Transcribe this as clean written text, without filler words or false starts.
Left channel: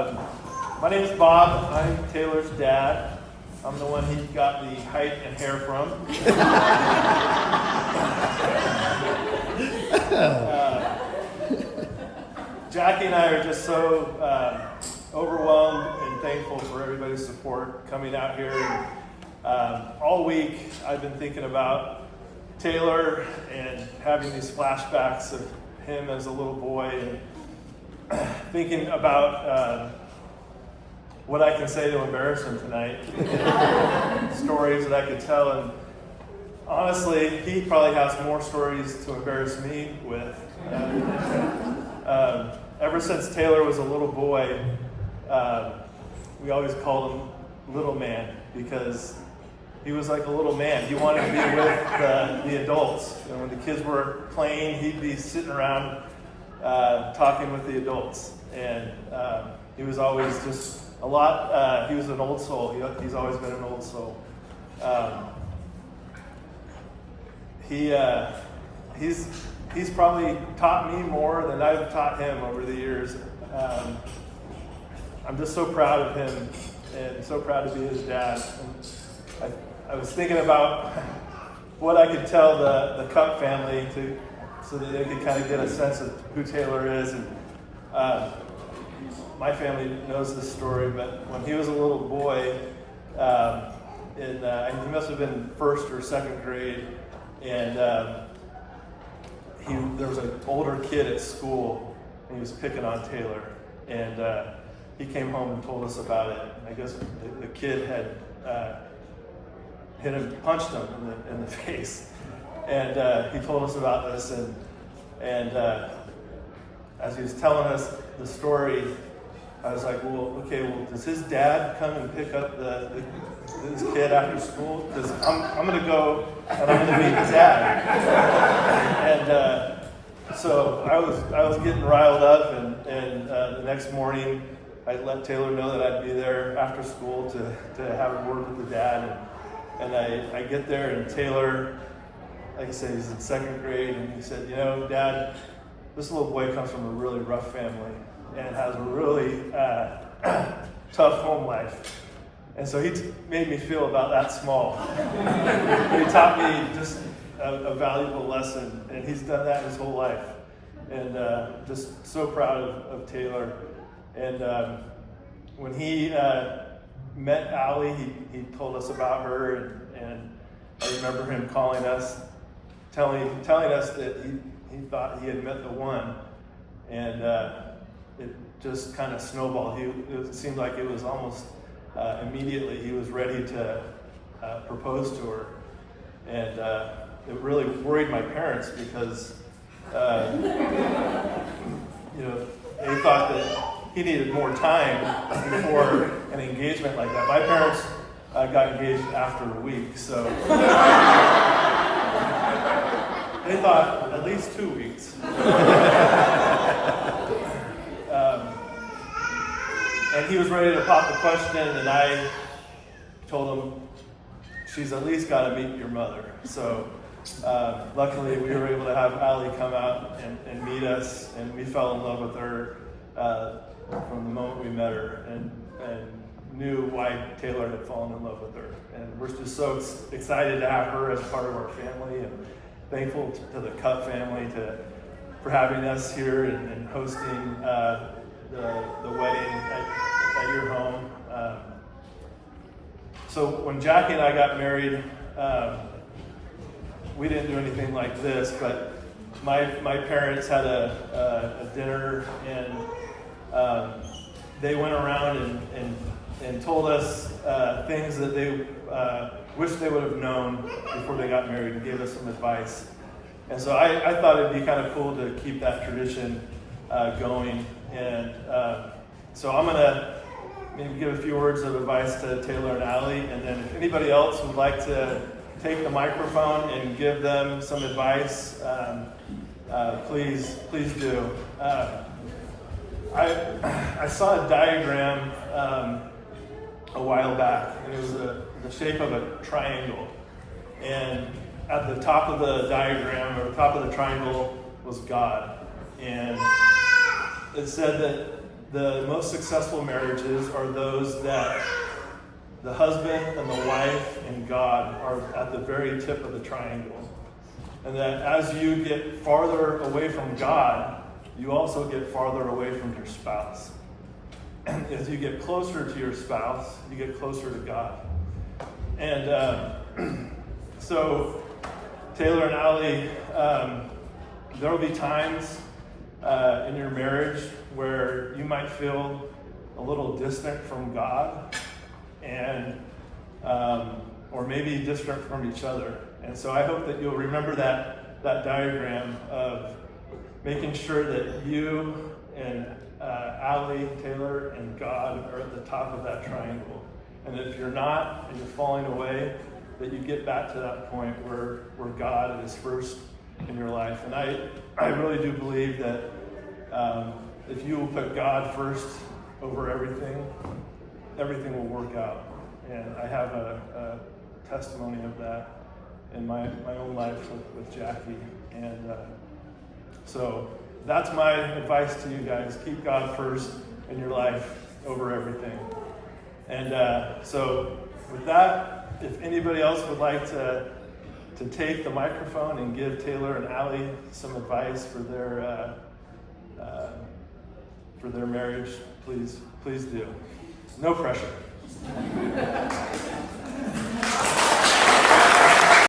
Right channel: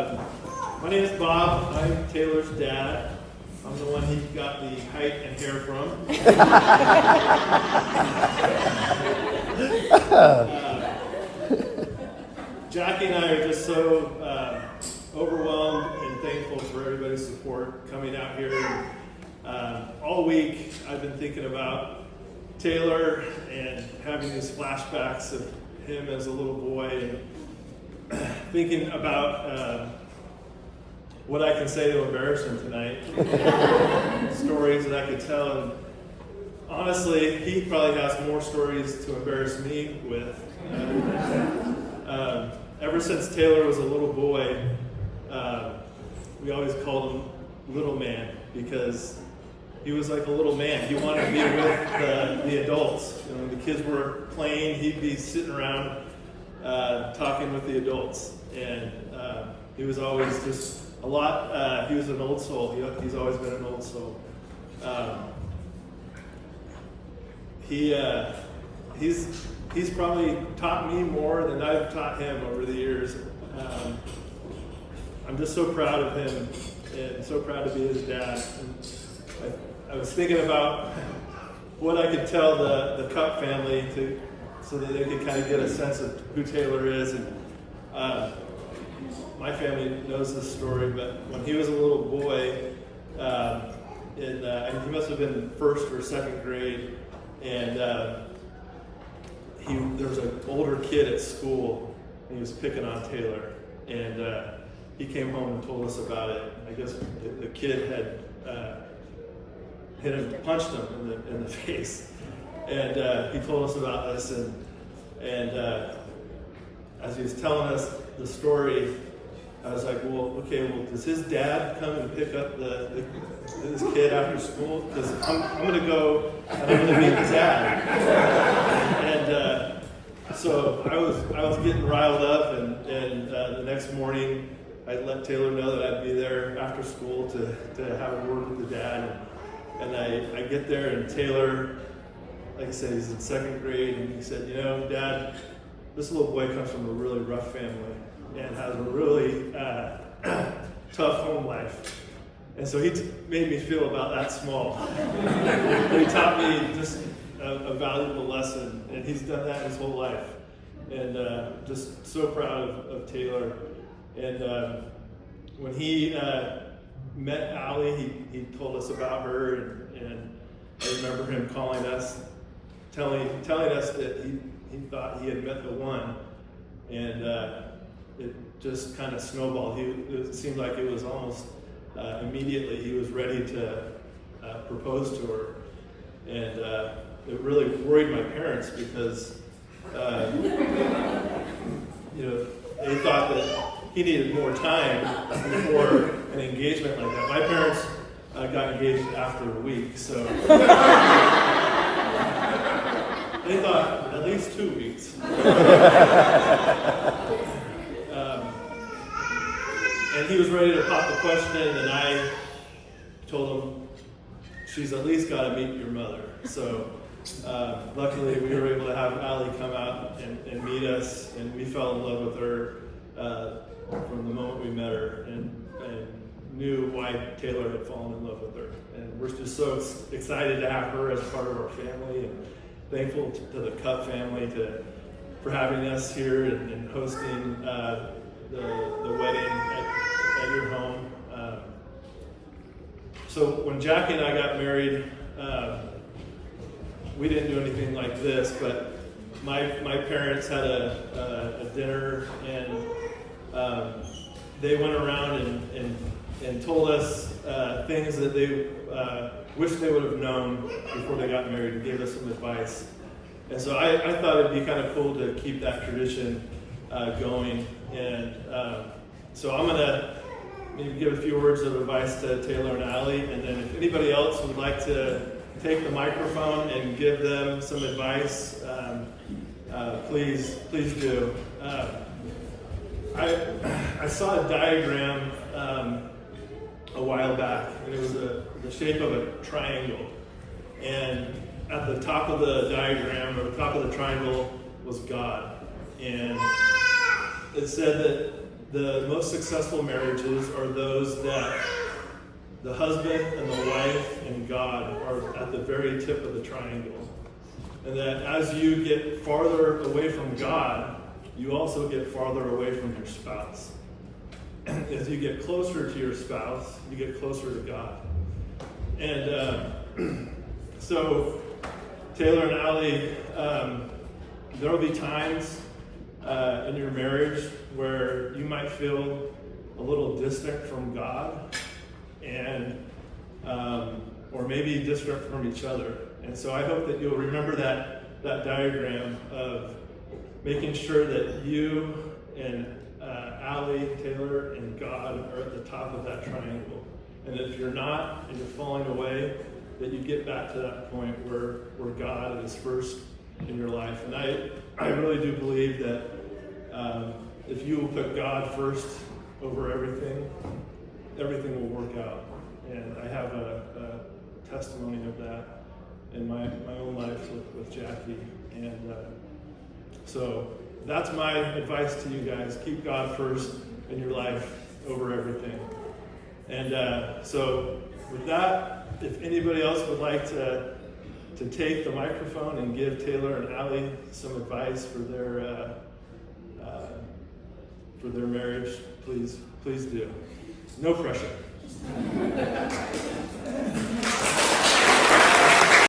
My name is Bob. I'm Taylor's dad. I'm the one he got the height and hair from. Jackie and I are just so overwhelmed and thankful for everybody's support coming out here. All week I've been thinking about Taylor and having these flashbacks of him as a little boy and thinking about what I can say to embarrass him tonight, and stories that I could tell. And honestly, he probably has more stories to embarrass me with. Ever since Taylor was a little boy, we always called him Little Man because he was like a little man. He wanted to be with the adults. And when the kids were playing, he'd be sitting around talking with the adults. And he was always just a lot, he was an old soul. He's always been an old soul. He's probably taught me more than I've taught him over the years. I'm just so proud of him and so proud to be his dad. And I was thinking about what I could tell the Cup family so that they could kind of get a sense of who Taylor is. And my family knows this story, but when he was a little boy, he must have been first or second grade, and there was an older kid at school, and he was picking on Taylor, and he came home and told us about it. I guess the kid had hit him, punched him in the face, and he told us about this, and as he was telling us the story, I was like, well, does his dad come and pick up this kid after school? Because I'm going to go and I'm going to meet his dad. And so I was getting riled up, and the next morning I let Taylor know that I'd be there after school to have a word with the dad. And I get there, and Taylor, like I said, he's in second grade, and he said, Dad, this little boy comes from a really rough family and has a really tough home life. And so he made me feel about that small. He taught me just a valuable lesson, and he's done that his whole life. And just so proud of Taylor. And when he met Allie, he told us about her, and I remember him calling us, telling us that he thought he had met the one, and it just kind of snowballed. It seemed like it was almost immediately he was ready to propose to her, and it really worried my parents because they thought that he needed more time before an engagement like that. My parents got engaged after a week, so they thought at least 2 weeks. And he was ready to pop the question, and I told him, she's at least got to meet your mother. So luckily we were able to have Allie come out and meet us, and we fell in love with her from the moment we met her, and knew why Taylor had fallen in love with her. And we're just so excited to have her as part of our family, and thankful to the Cup family for having us here and hosting the wedding at your home. So when Jackie and I got married, we didn't do anything like this, but my parents had a dinner, and they went around and told us things that they wish they would have known before they got married, and gave us some advice. And so I thought it'd be kind of cool to keep that tradition going. And so I'm going to maybe give a few words of advice to Taylor and Allie, and then if anybody else would like to take the microphone and give them some advice, please do. I saw a diagram a while back, and it was the shape of a triangle. And at the top of the diagram, or the top of the triangle, was God. And it said that the most successful marriages are those that the husband and the wife and God are at the very tip of the triangle. And that as you get farther away from God, you also get farther away from your spouse. As you get closer to your spouse, you get closer to God. And so, Taylor and Allie, there will be times in your marriage where you might feel a little distant from God, and or maybe distant from each other. And so I hope that you'll remember that diagram of making sure that you and Allie, Taylor, and God are at the top of that triangle. And if you're not, and you're falling away, that you get back to that point where God is first in your life. And I really do believe that if you will put God first over everything, everything will work out. And I have a testimony of that in my own life with Jackie. And so that's my advice to you guys. Keep God first in your life over everything. And so with that, if anybody else would like to take the microphone and give Taylor and Allie some advice for their marriage, please do. No pressure.